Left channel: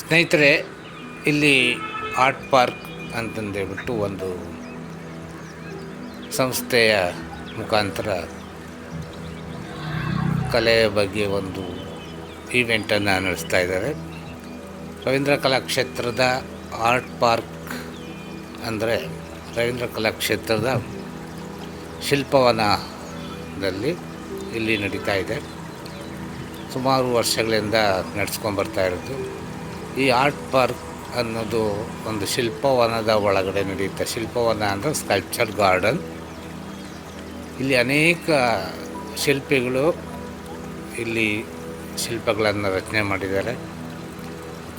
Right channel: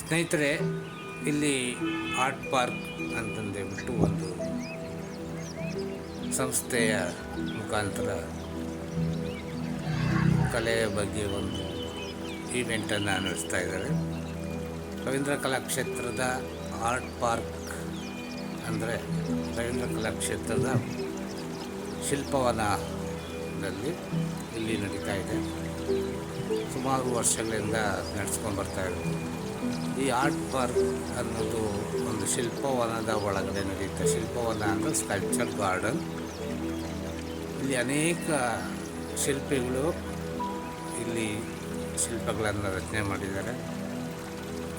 ಸ್ನೇಹಿತರೆ, ಇಲ್ಲಿ art park ಅಂತಂದೇಳ್ಬಿಟ್ಟು ಒಂದು ಸಂಸ್ಥೆಯ ಮುಖಾಂತರ ಕಲೆಯ ಬಗ್ಗೆ ಒಂದು ಈವೆಂಟನ್ನು ನಡೆಸ್ತಾ ಇದ್ದಾರೆ. ರವೀಂದ್ರ ಕಲಾಕ್ಷೇತ್ರದ ಆರ್ಟ್ ಪಾರ್ಕ್ ಅಂದರೆ ರವೀಂದ್ರ ಕಲಾಕ್ಷೇತ್ರದ ಶಿಲ್ಪವನದಲ್ಲಿ ಇಲ್ಲಿ ನಡೀತಾ ಇದೆ. ಸುಮಾರು ವರ್ಷಗಳಿಂದ ನಡೆಸ್ಕೊಂಡು ಬರ್ತಾ ಇರೋದು. ಈ ಆರ್ಟ್ ಪಾರ್ಕ್ ಅನ್ನೋದು ಒಂದು ಶಿಲ್ಪವನದ ಒಳಗಡೆ ನಡೆಯುತ್ತೆ. ಶಿಲ್ಪವನ ಅಂದರೆ ಸ್ಕಲ್ಪ್ಚರ್ ಗಾರ್ಡನ್. ಇಲ್ಲಿ ಅನೇಕ ಶಿಲ್ಪಿಗಳು ಇಲ್ಲಿ ಶಿಲ್ಪಗಳನ್ನು ರಚನೆ ಮಾಡಿದ್ದಾರೆ.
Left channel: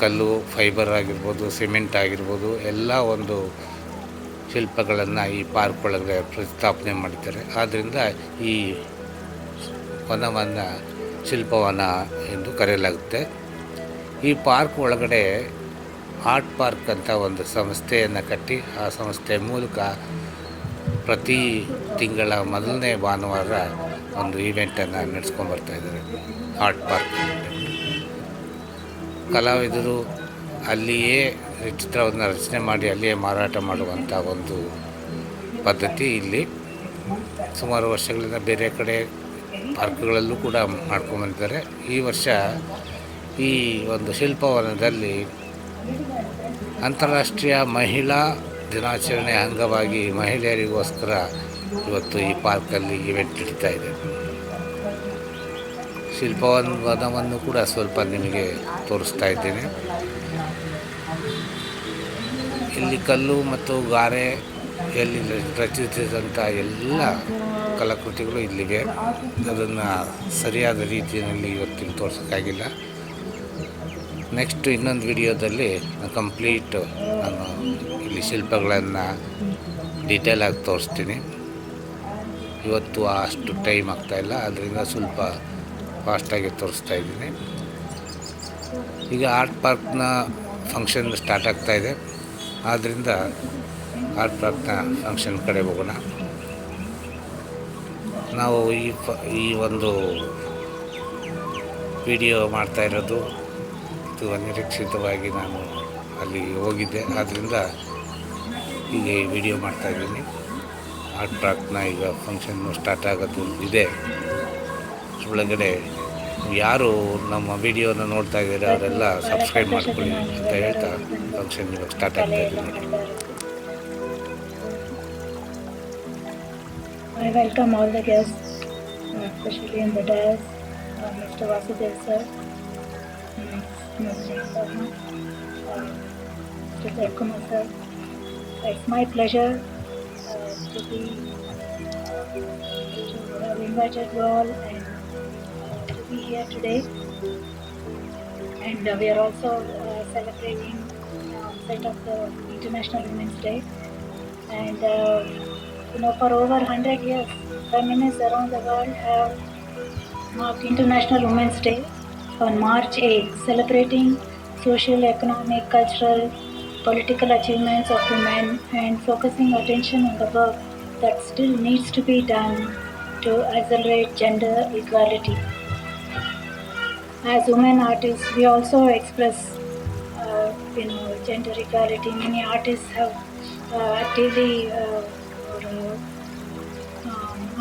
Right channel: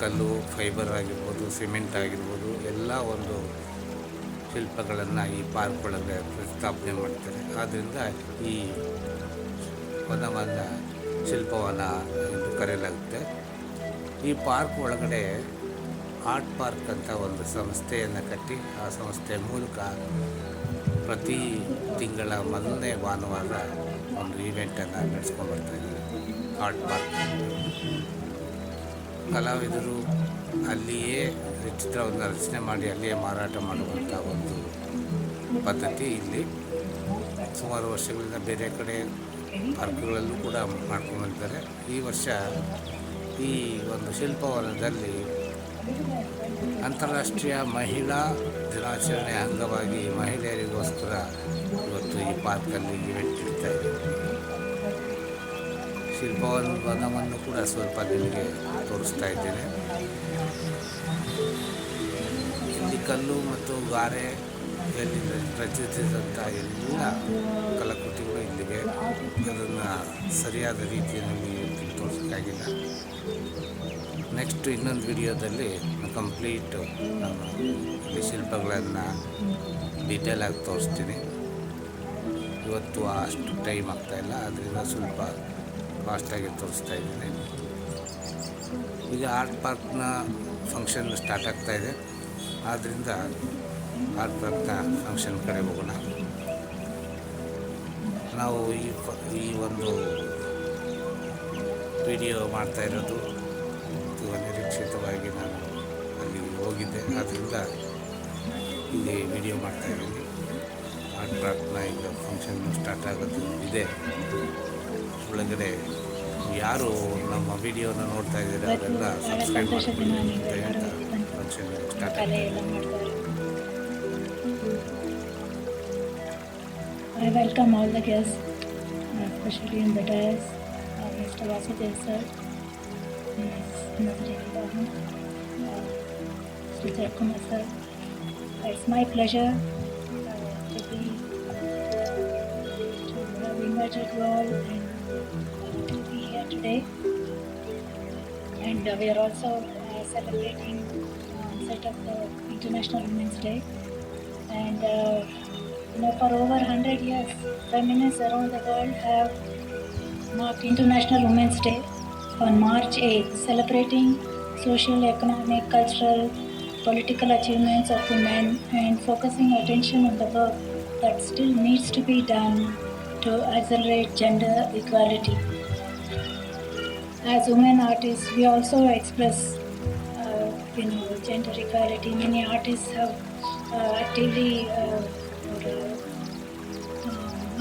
ಕಲ್ಲು, ಫೈಬರ್ ಆಗಿರ್ಬೋದು, ಸಿಮೆಂಟ್ ಆಗಿರ್ಬೋದು, ಎಲ್ಲ ಒಂದು ಶಿಲ್ಪಗಳನ್ನು ಈ ಪಾರ್ಕ್ ಒಳಗಡೆ ಪ್ರತಿಷ್ಠಾಪನೆ ಮಾಡಿದ್ದಾರೆ. ಆದ್ದರಿಂದ ಈ ವನವನ್ನು ಶಿಲ್ಪವನ ಎಂದು ಕರೆಯಲಾಗುತ್ತೆ. ಈ ಪಾರ್ಕ್ ಒಳಗಡೆ ಆರ್ಟ್ ಪಾರ್ಕ್ ಅಂತ ಒಂದು ಸಂಸ್ಥೆಯನ್ನು ಕಟ್ಟಿ, ಆ ಸಂಸ್ಥೆಯ ಮೂಲಕ ಪ್ರತಿ ತಿಂಗಳ ಮೊದಲನೇ ಭಾನುವಾರ ಒಂದು ಈವೆಂಟನ್ನು ನಡೆಸ್ಕೊಂಡು ಬರ್ತಾಯಿದ್ದಾರೆ. ಆರ್ಟ್ ಪಾರ್ಕ್ ಕಲಾವಿದರು ಅಲ್ಲಿಯೇ ಚಿತ್ರವನ್ನು ರಚನೆ ಮಾಡಿ ಅಲ್ಲಿಯೇ ಮಾರಾಟ ಮಾಡುವಂಥ ಒಂದು ಪದ್ಧತಿ ಇಲ್ಲಿ ಸುಮಾರು ವರ್ಷಗಳಿಂದ ಬೇರೆ ಕಡೆ ಪಾರ್ಕ್ಗಳಲ್ಲೂ ಕೂಡ ಮಾಡ್ಕೊಂಡ್ಬಂದಿದ್ದಾರೆ. ಈ ವರ್ಷ ಈ ಒಂದು ಶಿಲ್ಪವನದಲ್ಲಿ ಅಂತಾರಾಷ್ಟ್ರೀಯ ಮಹಿಳಾ ದಿನಾಚರಣೆ ಅಂಗವಾಗಿ ಮಹಿಳೆಯರಿಗೋಸ್ಕರ ಇವತ್ತು ಈ ಪಾರ್ಕಲ್ಲಿ ಈವೆಂಟ್ ನಡೀತಾ ಇದೆ. ಶಿಲ್ಪವನವನ್ನು ಕೂಡ ಸ್ವಲ್ಪ ನಿಮಗೆ ತೋರಿಸ್ತಾ ಇದ್ದೇನೆ. ಇಲ್ಲಿ ಕಲ್ಲು ಮತ್ತು ಗಾರೆಯಲ್ಲಿ ರಚಿಸಿದಂಥ ಎಲ್ಲ ಕಲಾಕೃತಿಗಳು ಇಲ್ಲಿವೆ. ಅದನ್ನು ಸರಿಯಾದ ರೀತಿಯಲ್ಲಿ ಇವತ್ತಿಲ್ಲಿ ತೋರಿಸೋಕ್ಕಾಗಿಲ್ಲ. ನೆಕ್ಸ್ಟ್ ಇನ್ನೊಂದು ವಿಡಿಯೋದಲ್ಲಿ ಕಂಪ್ಲೀಟ್ ನಾನು ಇಲ್ಲಿ ಶಿಲ್ಪಗಳನ್ನು ಡೀಟೇಲಾಗಿ ತೋರಿಸ್ತೀನಿ. ಇವತ್ತು ಅಷ್ಟು ಟೈಮ್ ಆಗ್ತಾಯಿಲ್ಲ, ಅದರಿಂದ ಸ್ವಲ್ಪ ಫಾಸ್ಟಾಗಿ ತೋರಿಸ್ತಾ ಇದ್ದೀನಿ. ಈಗ ಆರ್ಟ್ ಪಾರ್ಕ್ನ ಫಂಕ್ಷನ್ ಸ್ಟಾರ್ಟ್ ಆಗ್ತಾಯಿದೆ, ಆದ್ದರಿಂದ ಆರ್ಟ್ ಪಾರ್ಕ್ನ ಫಂಕ್ಷನ್ ಕಡೆ ಹೋಗೋಣ. ನಾವು ಈ ಒಂದು ವಿಡಿಯೋ ಮಾಡ್ತಾ ಇರೋದು ಇದು ಅನಿರೀಕ್ಷಿತವಾಗಿ ನಾನು ಅಲ್ಲಿ ಹೋಗಿದ್ದೆ, ಆದ್ದರಿಂದ ಈಗ ವಿಡಿಯೋ ಮಾಡ್ತಾಯಿದ್ದೀನಿ. ಆರ್ಟ್ ಪಾರ್ಕ್ನ ಈಗ ಫಂಕ್ಷನ್ನು ಸ್ಟಾರ್ಟ್ ಆಗೋದು ಇದೆ. ಒಳಗಡೆ ಯಾರು ನಮ್ಮ ವಿಡಿಯೋನ ನೋಡ್ತಾ ಇದ್ದಾರೆ ಅವರೆಲ್ಲ ಸಬ್ಸ್ಕ್ರೈಬ್ ಮಾಡ್ಕೊಳ್ಳಿ ಅಂತ ಹೇಳ್ತಾ ಫಂಕ್ಷನ್ ಸ್ಟಾರ್ಟ್ ಆಗ್ತಾಯಿದ್ದೀನಿ. I welcome all the guests, especially in the dais, Mr. Vasudev sir, Ms. Jayasarma, Mr. Jaykumar sir. It's my pleasure to have invited you all and to be here today. And we are also celebrating set of the International Women's Day. And for over 100 years, feminists around the world have marked International Women's Day on March 8, celebrating social, economic, cultural, political achievements of women and focusing attention on the work that still needs to be done to accelerate gender equality. As women artists, we also express gender equality. Many artists have actively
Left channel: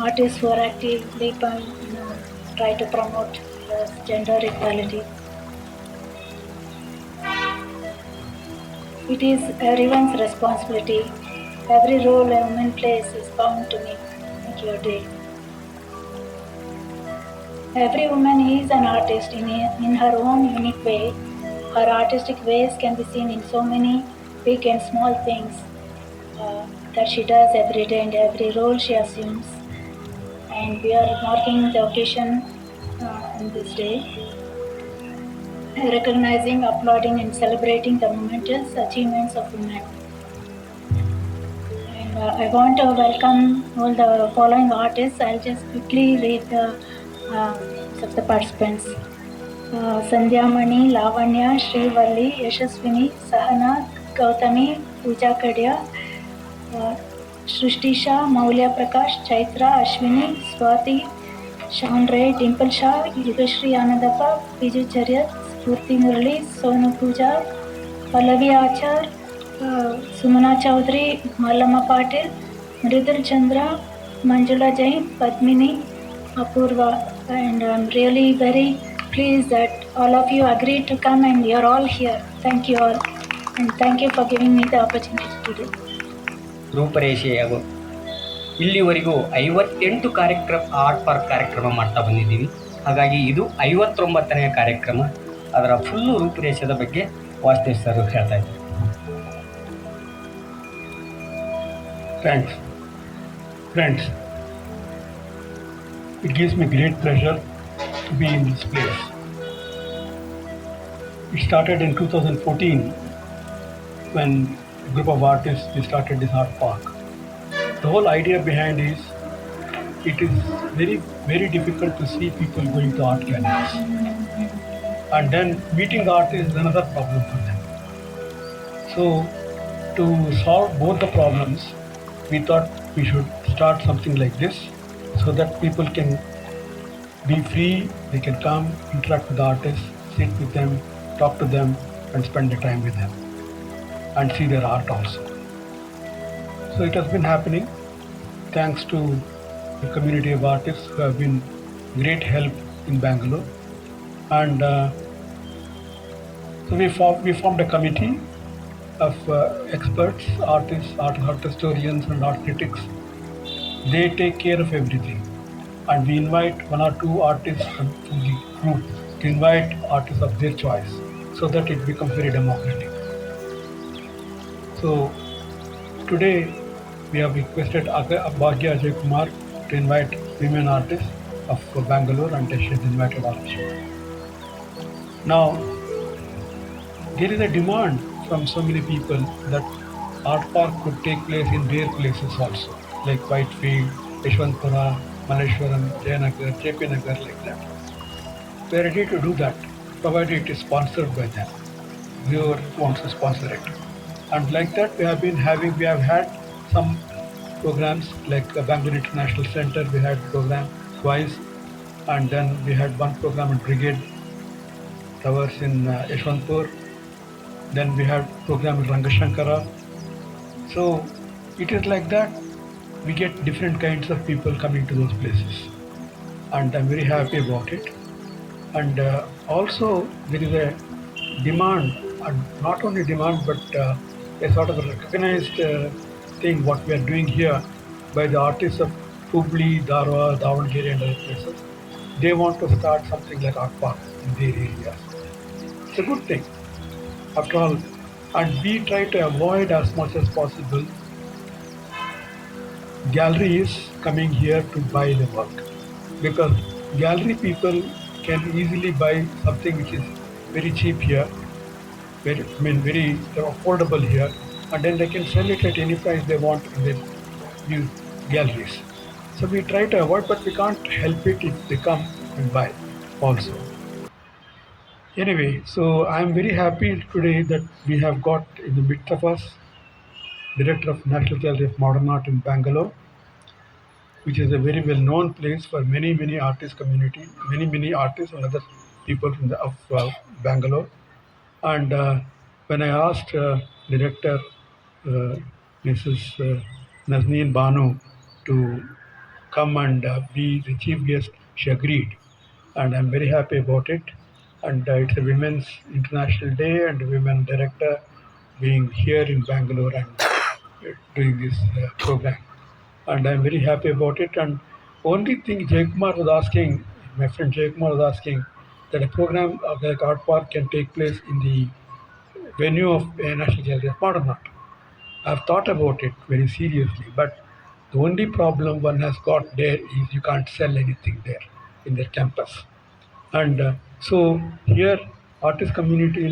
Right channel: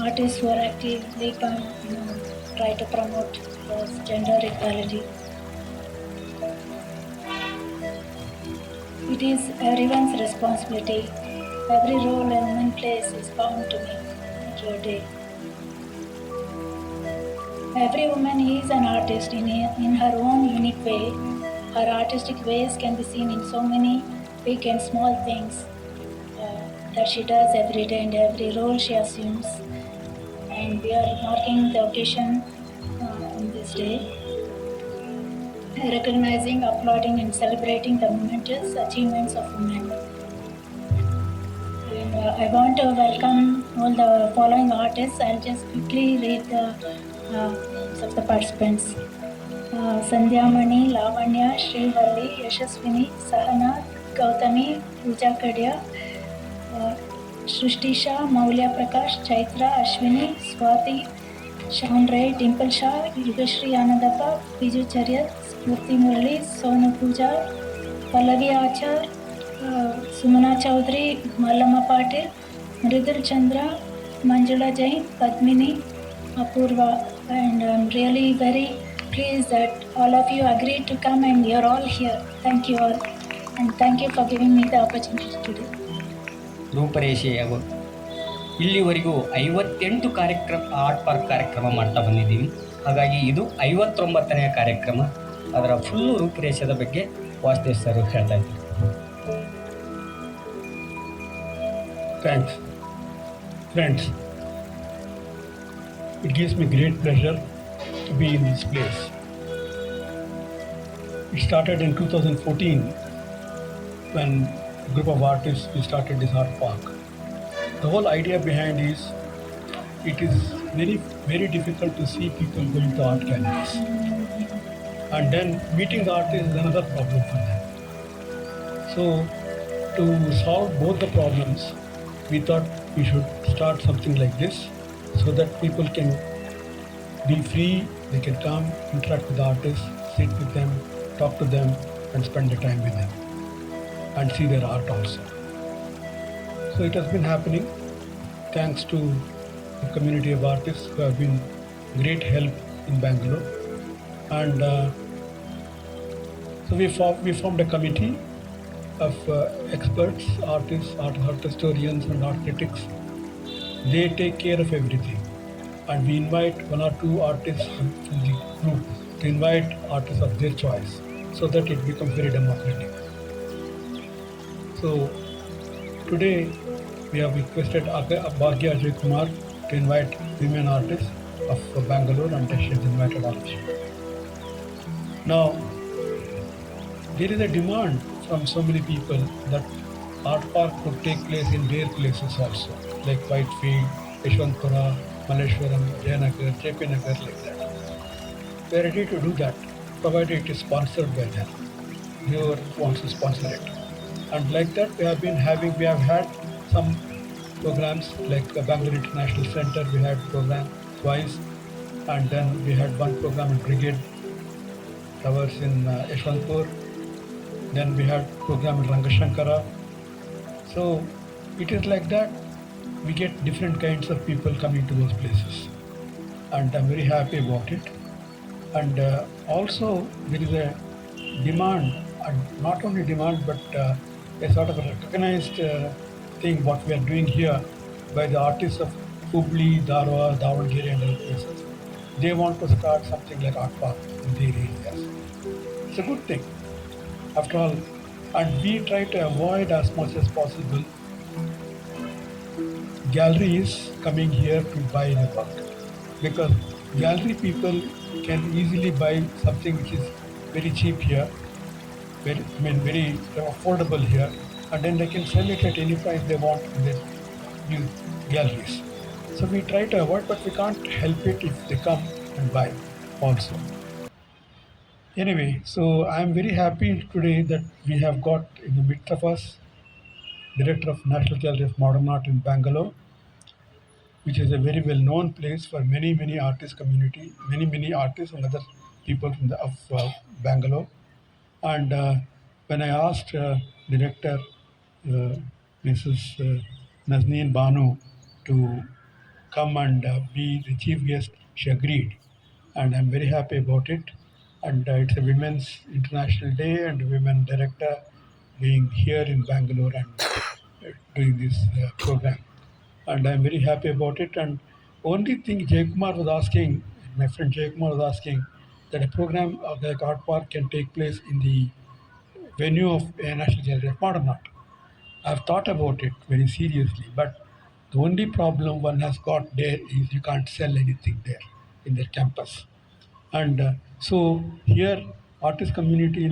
artists who are actively try to promote gender equality. It is everyone's responsibility. Every role a woman plays is bound to make your day. Every woman is an artist in her own unique way. Her artistic ways can be seen in so many big and small things that she does every day and every role she assumes. And we are marking the occasion on this day, recognizing, applauding and celebrating the momentous achievements of women. And I want to welcome all the following artists. I'll just quickly read the names of the participants. Sandhya Mani, Lavanya, Srivalli, Yashaswini, Sahana, Gautami, Pooja Kadia, Shrishtisha, Maulya Prakash, Chaitra, Ashwini, Swati, Sean Ray, Dimple Shah, Yugashri Anandappa, Vijay Charyat, Spurti Murali, Sonu Pooja, Pallavi Achar, Sumana Chaudhary, Mallama Patil, Mridul Chandra, Manjula Jain, Padmini, Apurva. And I'm really very pleased that all of you agreed to come and you're all here. Thank you all. And thank you for giving me the opportunity to do. ರೂಪರೇಷೆ ಅವರು ಇಲ್ಲಿವರೆಗೂ 58 art park ಕಾರ್ಯಕ್ರಮ ಮಾಡ್ತಾ ಬಂದಿದ್ದೀವಿ. ಹಾಗಾಗಿ ಇದು 59ನೇ ಕಾರ್ಯಕ್ರಮ. ಅದರ full ರೂಪರೇಷದ ಬಗ್ಗೆ ವಾಸುದೇವ್ ಸರ್ ಹೇಳ್ತಾ ಇದ್ದಾರೆ. Thanks. Friends, it gives me great pleasure to be in this place. It started in 2014 when a group of artists we started this art park. The whole idea behind is it is very, very difficult to see people going to art galleries. And then meeting the artists is another problem for them. So to solve both the problems, we thought we should start something like this so that people can be free, they can come, interact with the artists, sit with them, talk to them, and spend the time with them and see their art also. So it has been happening thanks to the community of artists who have been great help in Bangalore. And so we formed a committee of experts, artists, art historians, and art critics. They take care of everything, and we invite one or two artists from the group to invite artists of their choice, so that it becomes very democratic. So today we have requested Bhagya Ajay Kumar to invite women artists of Bangalore, and she has invited all of you. Now there is a demand from so many people that art park could take place in their places also, like Whitefield, Yeshwantpura, Malleshwaram, Jayanagar, JP Nagar, like that. We are ready to do that, provided it is sponsored by them. Whoever wants to sponsor it. And like that, we have had some programs like Bangalore International Center. We had program twice, and then we had one program in Brigade Towers in Yeshwantpur. Then we had program in Rangashankara. So it is like that. We get different kinds of people coming to those places, and I'm very happy about it. And also there is a demand, and not only demand, but a sort of a recognized thing what we are doing here by the artists of Hubli, Dharwad, Davangere, and other places. They want to start something like art park in their areas. It's a good thing, after all, and we try to avoid as much as possible galleries coming here to buy the work, because gallery people can easily buy something which is very cheap here, very affordable here, and then they can sell it at any price they want in these galleries. So we try to avoid, but we can't help it if they come and buy also. Anyway, so I'm very happy today that we have got in the midst of us Director of National Gallery of Modern Art in Bangalore, which is a very well-known place for many artist community, many artists and other people from Bangalore. And when I asked Director Mrs. Nazneen Banu to come and be the chief guest, she agreed, and I'm very happy about it. And it's a Women's International Day, and Women Director being here in Bangalore and doing this program. And I'm very happy about it. And only thing Jaykumar was asking, my friend Jaykumar was asking, that a program like Art Park can take place in the venue of National Gallery of Modern Art. I've thought about it very seriously, but the only problem one has got there is you can't sell anything there in the campus. And so here, artist community,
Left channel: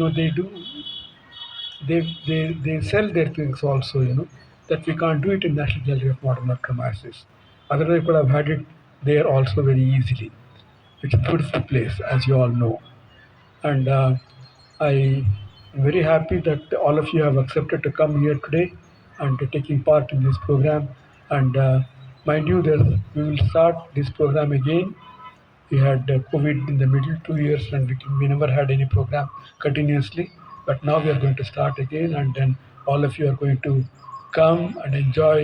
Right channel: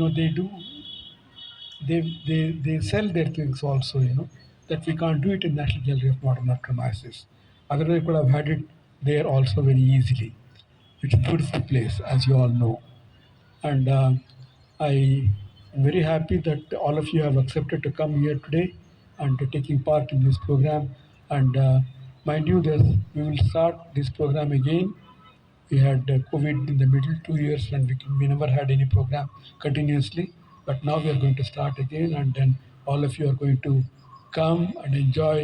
they sell their things also, that we can't do it in National Gallery of Modern Art premises. Otherwise, we could have had it there also very easily. It's a beautiful place, as you all know. And I am very happy that all of you have accepted to come here today and to taking part in this program. And mind you, we will start this program again We had COVID in the middle 2 years, and we never had any program continuously. But now we are going to start again, and then all of you are going to come and enjoy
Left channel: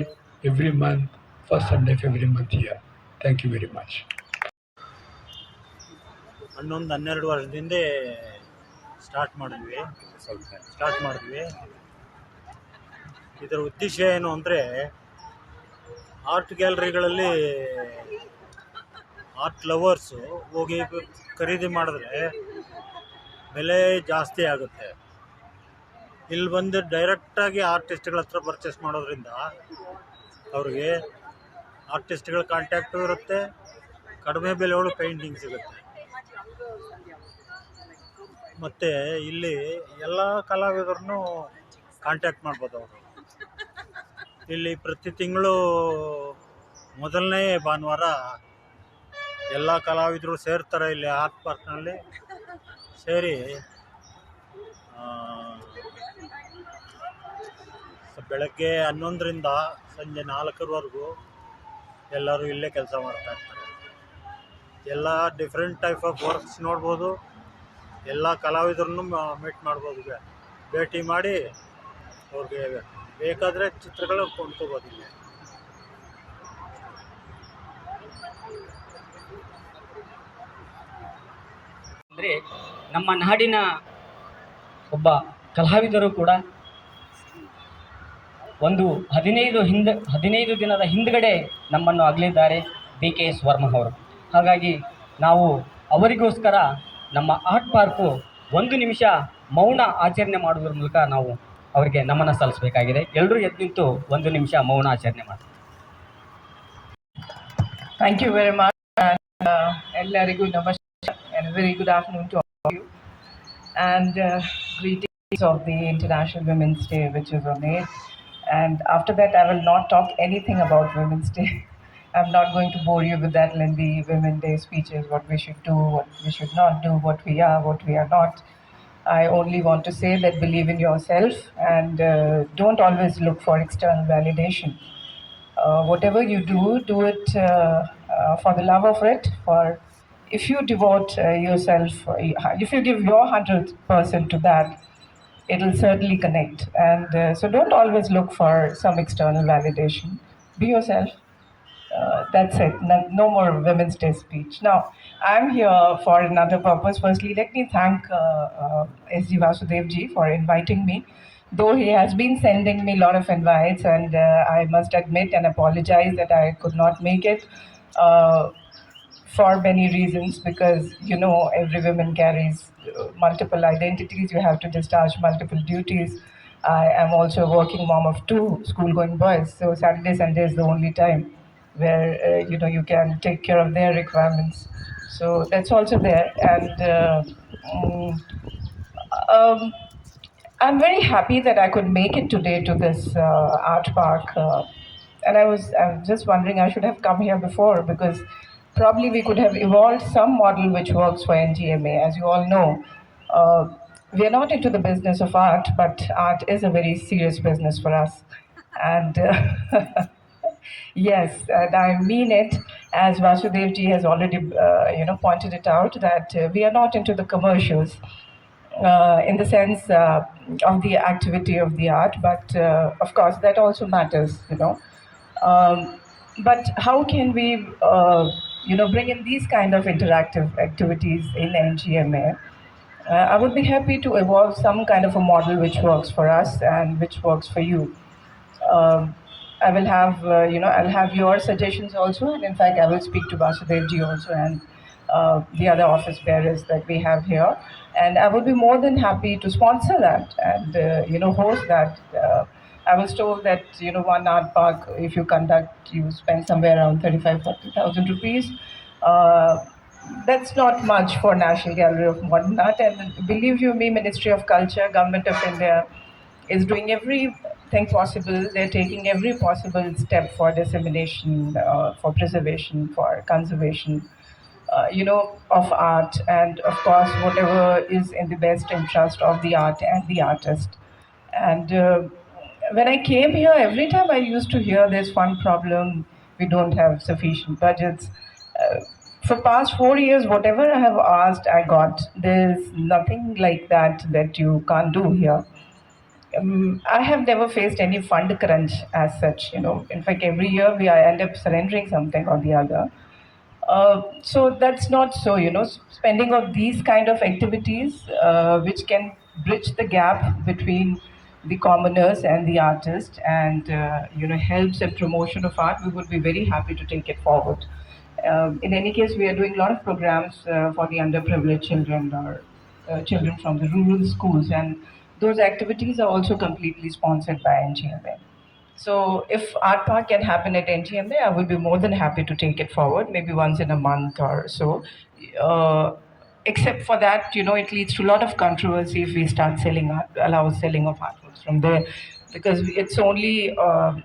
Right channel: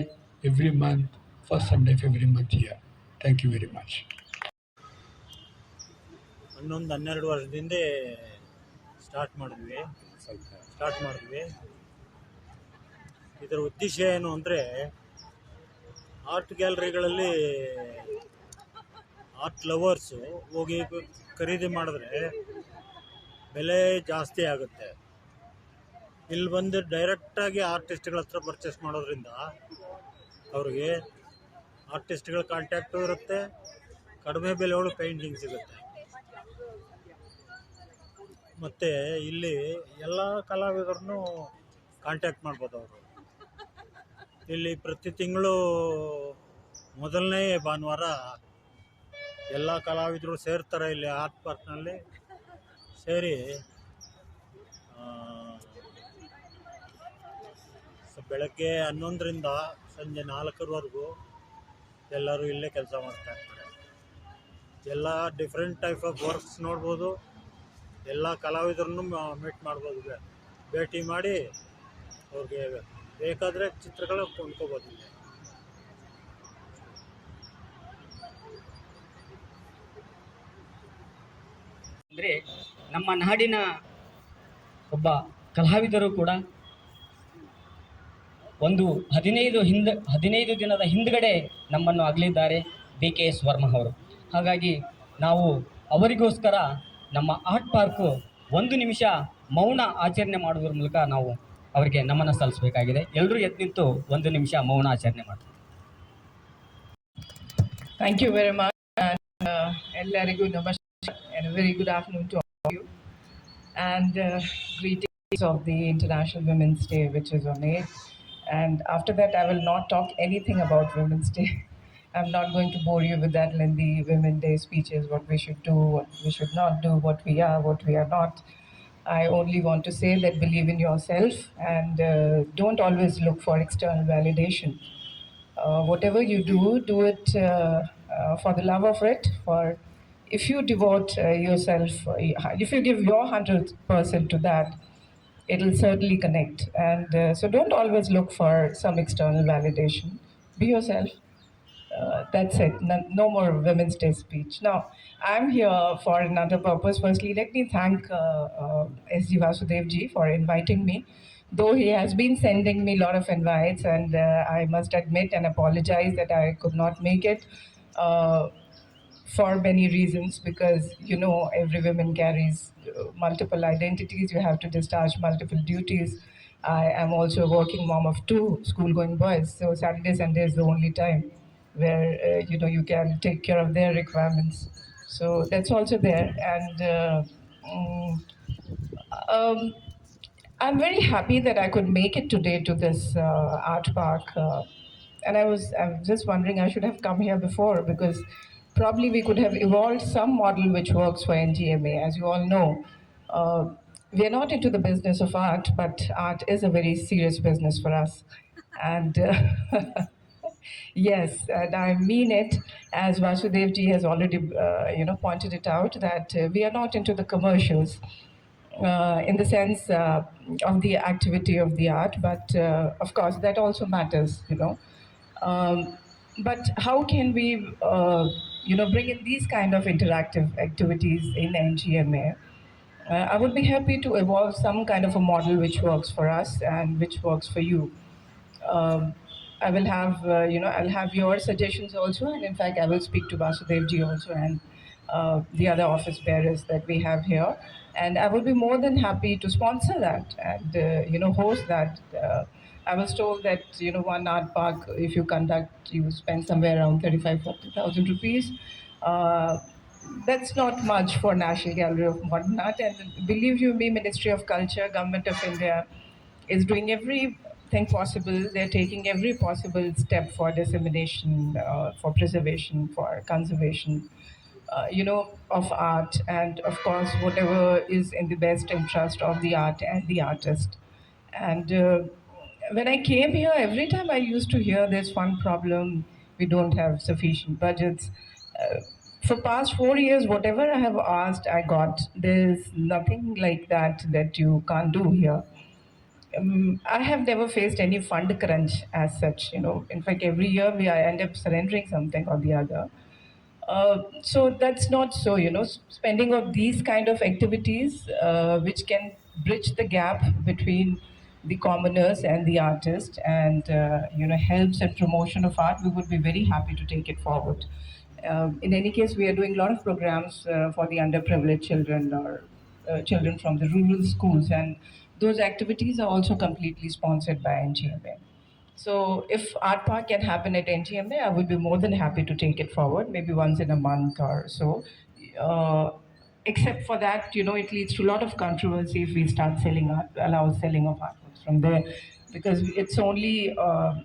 every month, first Sunday of every month here. Thank you very much. 11-12 ವರ್ಷದಿಂದ start ಮಾಡಿದ್ವಿ. ಇದರ ಉದ್ದೇಶ ಏನು ಅಂದರೆ, art ಗ್ಯಾಲರಿಗಳಲ್ಲಿ art lovers ಹೋಗಿ ಖರೀದಿ ಮಾಡಿದ್ರೆ ಬೆಲೆ ಜಾಸ್ತಿ ಆಗುತ್ತೆ. ಇಲ್ಲಿ ಬಂದು ಡೈರೆಕ್ಟಾಗಿ ಆರ್ಟಿಸ್ಟ್ಗಳ ಹತ್ರ ಪರ್ಚೇಸ್ ಮಾಡೋದ್ರಿಂದ ಅವ್ರಿಗೆ ಆರ್ಟಿಸ್ಟ್ಗಳ ಕಾಂಟ್ಯಾಕ್ಟು ಇರುತ್ತೆ, ಕಡಿಮೆ ಬೆಲೆಗಳು ಪೇಂಟಿಂಗ್ ಸಿಗುತ್ತೆ. ಮತ್ತು ಇಲ್ಲಿ ಎಲ್ಲ ಕಲಾವಿದರನ್ನು ಕಾಂಟ್ಯಾಕ್ಟ್ ಮಾಡ್ಬೋದು ಅವರು. ಇಲ್ಲಿ ಪ್ರತಿ ತಿಂಗಳು ಮೊದಲನೇ ಭಾನುವಾರ ಎಲ್ಲ ಕಲಾವಿದರು ಸೇರ್ತಾರೆ ಇಲ್ಲಿ ಆರ್ಟ್ ಪಾರ್ಕ್ನಲ್ಲಿ. ಸೇರಿ ಬೆಳಗ್ಗೆ 11ರಿಂದ ಸಂಜೆ 4ರವರೆಗೂ ಎಲ್ಲರೂ ಇಲ್ಲೇ ಕೆಲಸ ಮಾಡ್ತಾ ಇರ್ತಾರೆ. ಎಲ್ಲ ಡಿಫ್ರೆಂಟ್ ಟೈಪ್ ಆಫ್ ವರ್ಕ್ಸ್ ನೋಡ್ಬೋದು, ಎಲ್ಲ ಕಲಾವಿದರನ್ನು ಮೀಟ್ ಮಾಡ್ಬೋದು, ಭೇಟಿ ಮಾಡಿ ಅವ್ರಿಗೆ ಬೇಕಾದರೆ ಚಿತ್ರಗಳು ಕೊಂಡ್ಕೋಬೋದು. ಇಲ್ಲಿ ಅಂದರೆ ನಮ್ಮ ನಾಡಿನ ಒಬ್ಬ ಕಲಾವಿದರು ಕೂಡ ಒಂದು 15 ದಿನದ ಹಿಂದ್ಗಡೆ ನಮ್ಮನ್ನು ಅಗಲಿದ್ದಾರೆ, BKS ವರ್ಮ ಅವರು. ಹಾಗಾಗಿ ನಾವು ಅವರಿಗೋಸ್ಕರ ನಮ್ಮ ಆರ್ಟ್ ಪಾರ್ಕು 1 ನಿಮಿಷ ಮೌನ ಆಚರಣೆ ಮಾಡೋದ್ರ ಮೂಲಕ ನಾವು ಅವರಿಗೆ ನಮನ ಸಲ್ಲಿಸಬೇಕಾಗಿದೆ. ಎಲ್ಲರೂ ಎದ್ದು ನಿಂತು 1 ನಿಮಿಷ ಮೌನ ಆಚರಣೆ ಮಾಡಿ. Thank you very much. Ellarigu namaskar and a very good afternoon to all of you. And greetings of the International Women's Day, which is on 8th. And after that, I will not talk anything about Women's Day. I'm not going to bore you with that lengthy Women's Day speeches, what we should do, what we should not do, what we are not. I only want to say that believe in yourself and don't always look for external validation. Whatever you do it for the love of it. For if you devote yourself, if you give your 100% to that, it will certainly connect. And so don't always look for some external validation. Be yourself. That's it. No more Women's Day speech. Now, I'm here for another purpose. Firstly, let me thank S.G. Vasudev ji for inviting me. Though he has been sending me a lot of invites, and I must admit and apologize that I could not make it for many reasons, because every woman carries multiple identities. You have to discharge multiple duties. I am also a working mom of 2 school-going boys, so Saturday, Sunday is the only time where you can take care of their requirements. So that's also there, and I'm very happy that I could make it today to this art park. And I was just wondering, I should have come here before, because probably we could have evolved some model which works for NGMA. As you all know, we are not into the business of art, but art is a very serious business for us. And yes, and I mean it, as Vasudev ji has already pointed it out, that we are not into the commercials in the sense of the activity of the art, but of course that also matters, but how can we bring in these kind of interactive activities in NGMA? I would be happy to evolve some kind of a model which works for us and which works for you. I will have, I'll have your suggestions also, and in fact I will speak to Vasudev ji also and the other office bearers that we have here, and I would be more than happy to sponsor that and host that. I was told that one art park, if you conduct, you spend somewhere around 35,000-40,000 rupees. That's not much for National Gallery of Modern Art, and believe you me, Ministry of Culture, Government of India is doing everything possible. They're taking every possible step for dissemination, for preservation, for conservation, of art, and of course whatever is in the best interest of the art and the artist. And when I came here, every time I used to hear this one problem: we don't have sufficient budgets. for past 4 years, whatever I have asked, I got. There's nothing like that you can't do here. I have never faced any fund crunch as such. In fact, every year we end up surrendering something or the other. So that's not so. Spending on these kind of activities, which can bridge the gap between the commoners and the artist, and helps in promotion of art. We would be very happy to take it forward. In any case, we are doing a lot of programs for the underprivileged children or children from the rural schools, and those activities are also completely sponsored by NGMA. So if Art Park can happen at NGMA, I would be more than happy to take it forward, maybe once in a month or so. Uh, Except for that, it leads to a lot of controversy if we start allow selling of artworks from there, because it's only uh,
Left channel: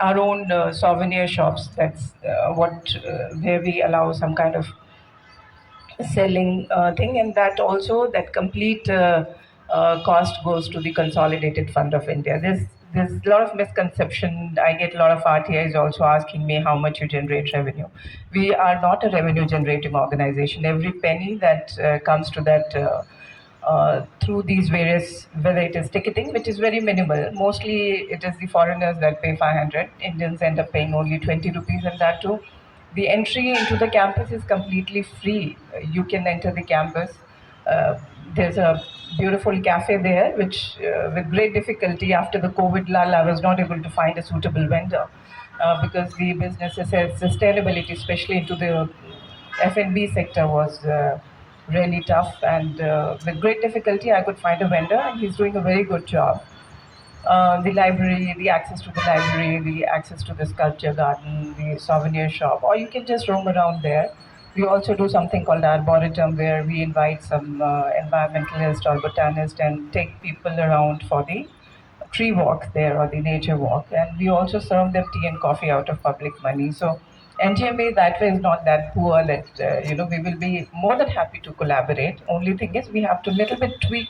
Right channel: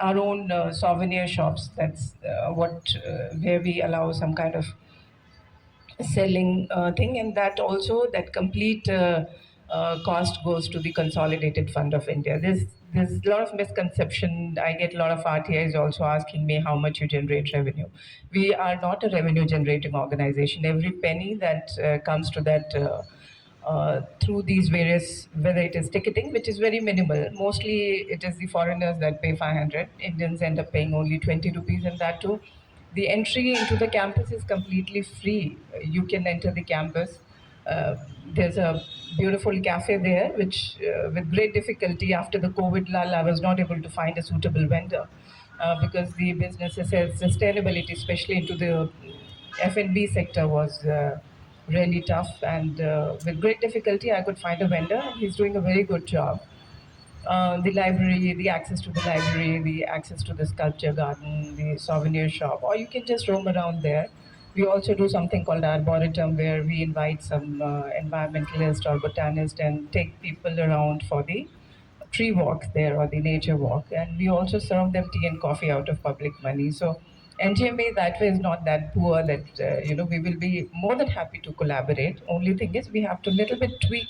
our own souvenir shops. That's where we allow some kind of selling thing, and that also that complete cost goes to the Consolidated Fund of India. There's a lot of misconception. I get a lot of RTIs also asking me how much you generate revenue. We are not a revenue generating organization. Every penny that comes to that through these various, whether it is ticketing, which is very minimal. Mostly it is the foreigners that pay 500. Indians end up paying only 20 rupees, and that too the entry into the campus is completely free. You can enter the campus. Uh, there's a beautiful cafe there, which, with great difficulty after the COVID lull, I was not able to find a suitable vendor because the businesses has sustainability, especially into the F&B sector, was really tough. And with great difficulty, I could find a vendor, and he's doing a very good job. The library, the access to the library, the access to the sculpture garden, the souvenir shop, or you can just roam around there. We also do something called Arboretum, where we invite some environmentalist or botanist and take people around for the tree walk there or the nature walk. And we also serve them tea and coffee out of public money. So NGMA that way is not that poor that, we will be more than happy to collaborate. Only thing is we have to little bit tweak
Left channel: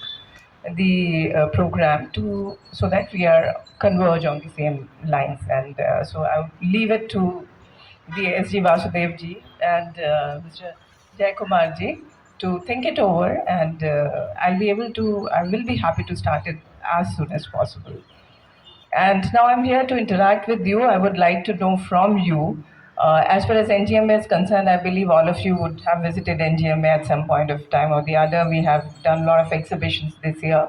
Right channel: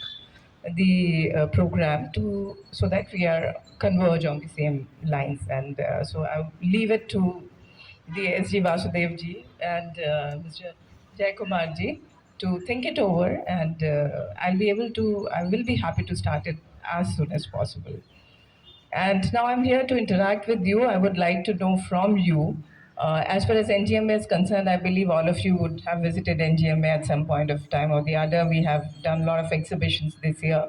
the program to so that we are converge on the same lines. And so I'll leave it to the SG Vasudev ji and Mr. Jay Kumar ji to think it over, and I will be happy to start it as soon as possible. And now I'm here to interact with you. I would like to know from you, as far as NGMA is concerned, I believe all of you would have visited NGMA at some point of time or the other. We have done a lot of exhibitions this year.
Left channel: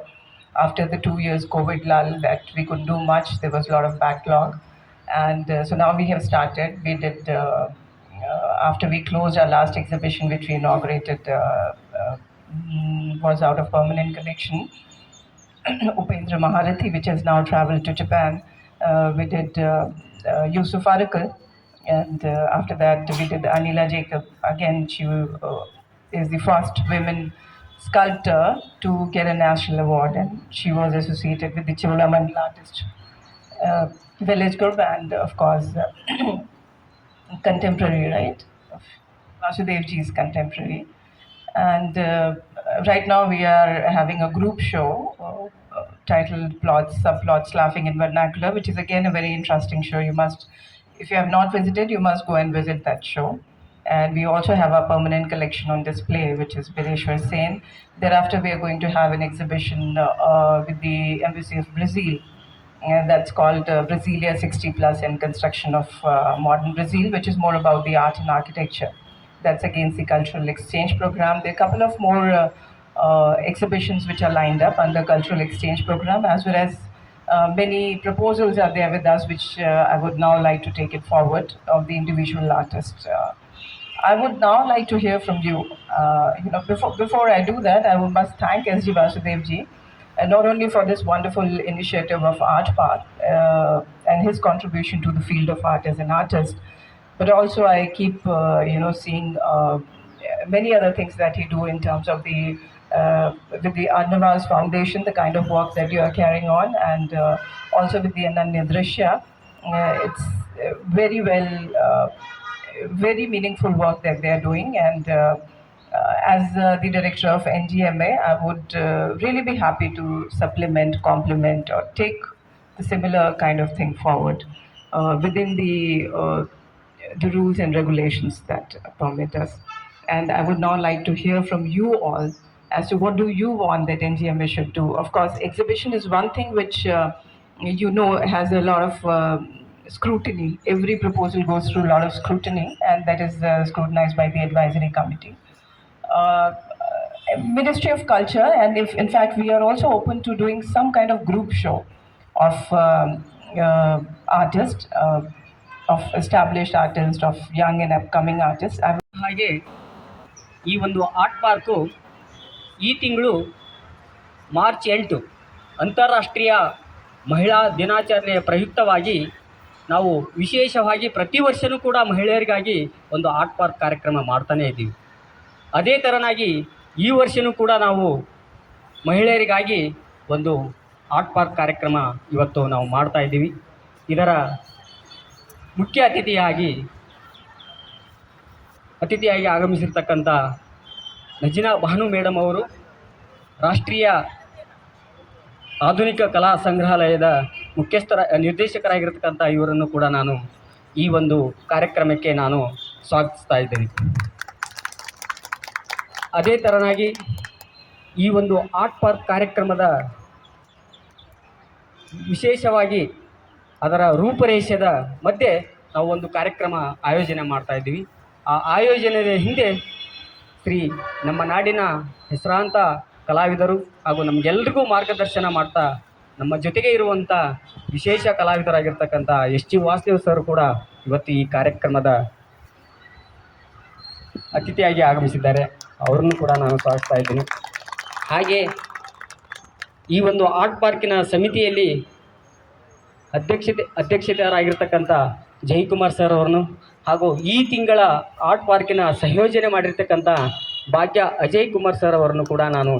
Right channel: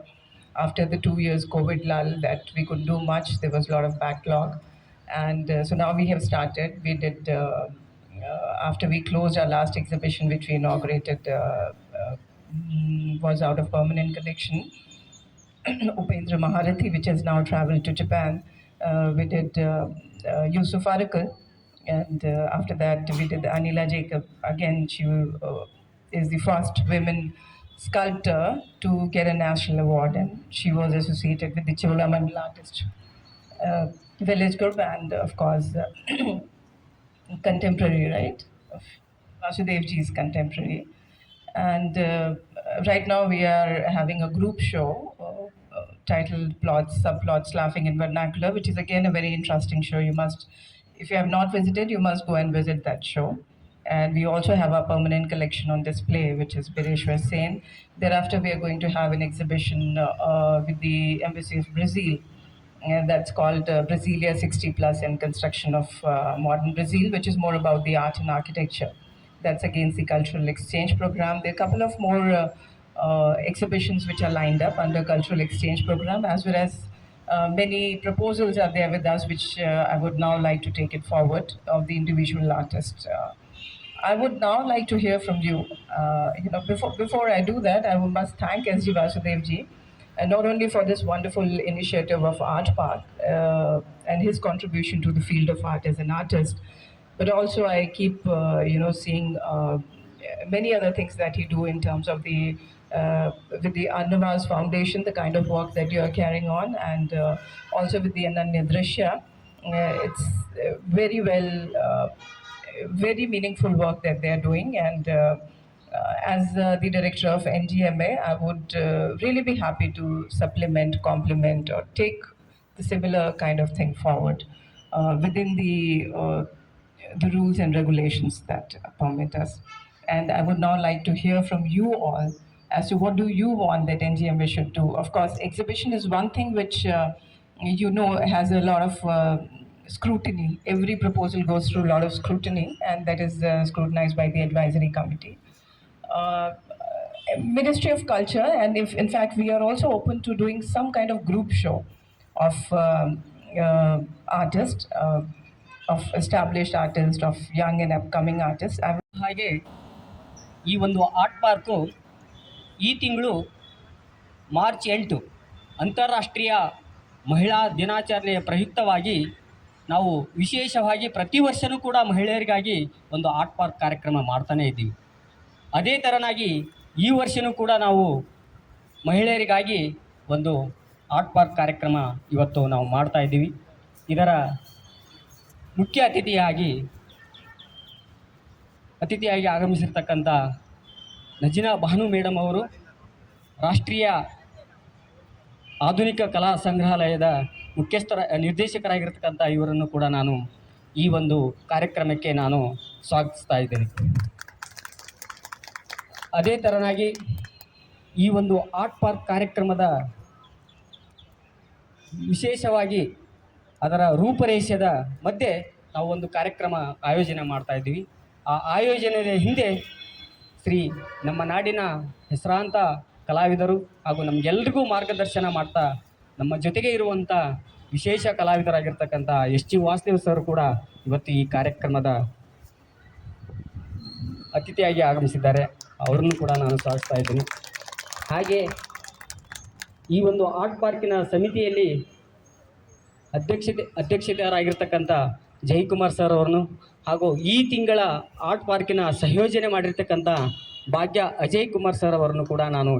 After the 2 years COVID lull that we couldn't do much, there was a lot of backlog. And so now we have started. We did, after we closed our last exhibition, which we inaugurated, was out of permanent collection. Upendra Maharathi, which has now traveled to Japan. We did Yusuf Arakal, and after that we did Anila Jacob. Again, she is the first women sculptor to get a national award, and she was associated with the Cholamandal artist village group, and of course contemporary, right? Vasudev ji is contemporary. And right now we are having a group show titled Plots, Subplots, Laughing in Vernacular, which is again a very interesting show. If you have not visited, you must go and visit that show. And we also have our permanent collection on display, which is Bireshwar Sen. Thereafter, we are going to have an exhibition with the Embassy of Brazil. That's called Brasilia 60 Plus and Construction of Modern Brazil, which is more about the art and architecture. That's against the cultural exchange program. There are a couple of more exhibitions which are lined up under cultural exchange program, as well as many proposals are there with us, which I would now like to take it forward of the individual artists. I would now like to hear from you. Before I do that, I must thank SG Vasudev ji, not only for this wonderful initiative of Art Path and his contribution to the field of art as an artist, but also I keep seeing many other things that he do in terms of the with the Arnavaz Foundation, the kind of work that you are carrying on, and also with the Ananya Drishya. It's very well, very meaningful work that they are doing, and as the director of NGMA, I would really be happy to supplement, complement, or take the similar kind of thing forward within the the rules and regulations that permit us. And I would now like to hear from you all as to what do you want that NGMA should do. Of course, exhibition is one thing which has a lot of scrutiny. Every proposal goes through a lot of scrutiny, and that is scrutinized by the advisory committee. Uh, Ministry of Culture, and if in fact we are also open to doing some kind of group show of artists, of established artists, of young and upcoming artists. ಹಾಗೆ ಈ ಒಂದು art park ಈ ತಿಂಗಳು March 8 ಅಂತಾರಾಷ್ಟ್ರೀಯ ಮಹಿಳಾ ದಿನಾಚರಣೆಯ ಪ್ರಯುಕ್ತವಾಗಿ ನಾವು ವಿಶೇಷವಾಗಿ ಪ್ರತಿ ವರ್ಷವೂ ಕೂಡ ಮಹಿಳೆಯರಿಗಾಗಿ ಒಂದು ಆರ್ಟ್ ಪಾರ್ಕ್ ಕಾರ್ಯಕ್ರಮ ಮಾಡ್ತಾನೇ ಇದ್ದೀವಿ. ಅದೇ ಥರನಾಗಿ ಈ ವರ್ಷವೂ ಕೂಡ ನಾವು ಮಹಿಳೆಯರಿಗಾಗಿ ಒಂದು ಆರ್ಟ್ ಪಾರ್ಕ್ ಕಾರ್ಯಕ್ರಮ ಇವತ್ತು ನಾವು ಮಾಡ್ತಾ ಇದ್ದೀವಿ. ಇದರ ಮುಖ್ಯ ಅತಿಥಿಯಾಗಿ ಆಗಮಿಸಿರ್ತಕ್ಕಂಥ ನಜಿನಾ ಭಾನು ಮೇಡಮ್ ಅವರು ರಾಷ್ಟ್ರೀಯ ಆಧುನಿಕ ಕಲಾ ಸಂಗ್ರಹಾಲಯದ ನಿರ್ದೇಶಕರಾಗಿರ್ತಕ್ಕಂಥ ಇವರನ್ನು ಕೂಡ ನಾನು ಈ ಒಂದು ಕಾರ್ಯಕ್ರಮಕ್ಕೆ ನಾನು ಸ್ವಾಗತಿಸ್ತಾ ಇದ್ದೇನೆ. ಅದೇ ಥರನಾಗಿ ಈ ಒಂದು ಆರ್ಟ್ ಪಾರ್ಕ್ ಕಾರ್ಯಕ್ರಮದ ವಿಶೇಷವಾಗಿ ಅದರ ರೂಪರೇಷದ ಮಧ್ಯೆ ನಾವು ಒಂದು ಕಾರ್ಯಕ್ರಮ ಆಯೋಜನೆ ಮಾಡ್ತಾ ಇದ್ದೀವಿ. ಆ ಆಯೋಜನೆಯ ಹಿಂದೆ ನಮ್ಮ ನಾಡಿನ ಹೆಸರಾಂತ ಕಲಾವಿದರು ಹಾಗೂ ನಮಗೆಲ್ಲರಿಗೂ ಮಾರ್ಗದರ್ಶನ ಮಾಡ್ತಾ ನಮ್ಮ ಜೊತೆಗೆ ಇರುವಂಥ ವಿಶೇಷ ಕಲಾವಿದರಾಗಿರ್ತಕ್ಕಂಥ ಎಸ್.ಜಿ. ವಾಸುದೇವ್ ಸರ್ ಕೂಡ ಇವತ್ತು ಈ ಕಾರ್ಯಕ್ರಮದ ಅತಿಥಿಯಾಗಿ ಆಗಮಿಸಿದ್ದಾರೆ. ಅವ್ರನ್ನೂ ಕೂಡ ನಾನು ಸ್ವಾಗತಿಸ್ತಾ ಇದ್ದೀನಿ. ಹಾಗೆ ಈ ಒಂದು ಆರ್ಟ್ ಪಾರ್ಕಿನ ಸಮಿತಿಯಲ್ಲಿ ಅಧ್ಯಕ್ಷತೆಯಾಗಿರ್ತಕ್ಕಂಥ ಜಯಕುಮಾರ್ ಸರ್ ಅವರನ್ನು ಹಾಗೂ ಈ ತಿಂಗಳ ಆರ್ಟ್ ಪಾರ್ಕಿನ ಸಂಯೋಜನೆ ಮಾಡಿರ್ತಕ್ಕಂಥ ಭಾಗ್ಯ ಅಜಯ್ ಕುಮಾರ್ ಸರ್ ಅವರನ್ನು ಕೂಡ ನಾನು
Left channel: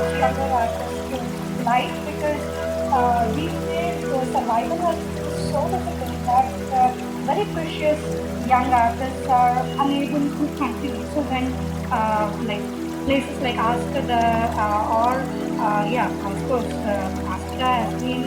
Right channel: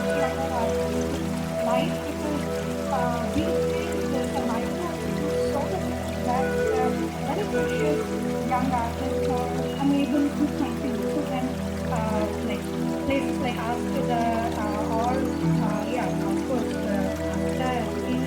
much younger artists in life because these days the survival has been so difficult that very precious young artists are unable to continue. So when like places like Askada or yeah, of course, Askada has been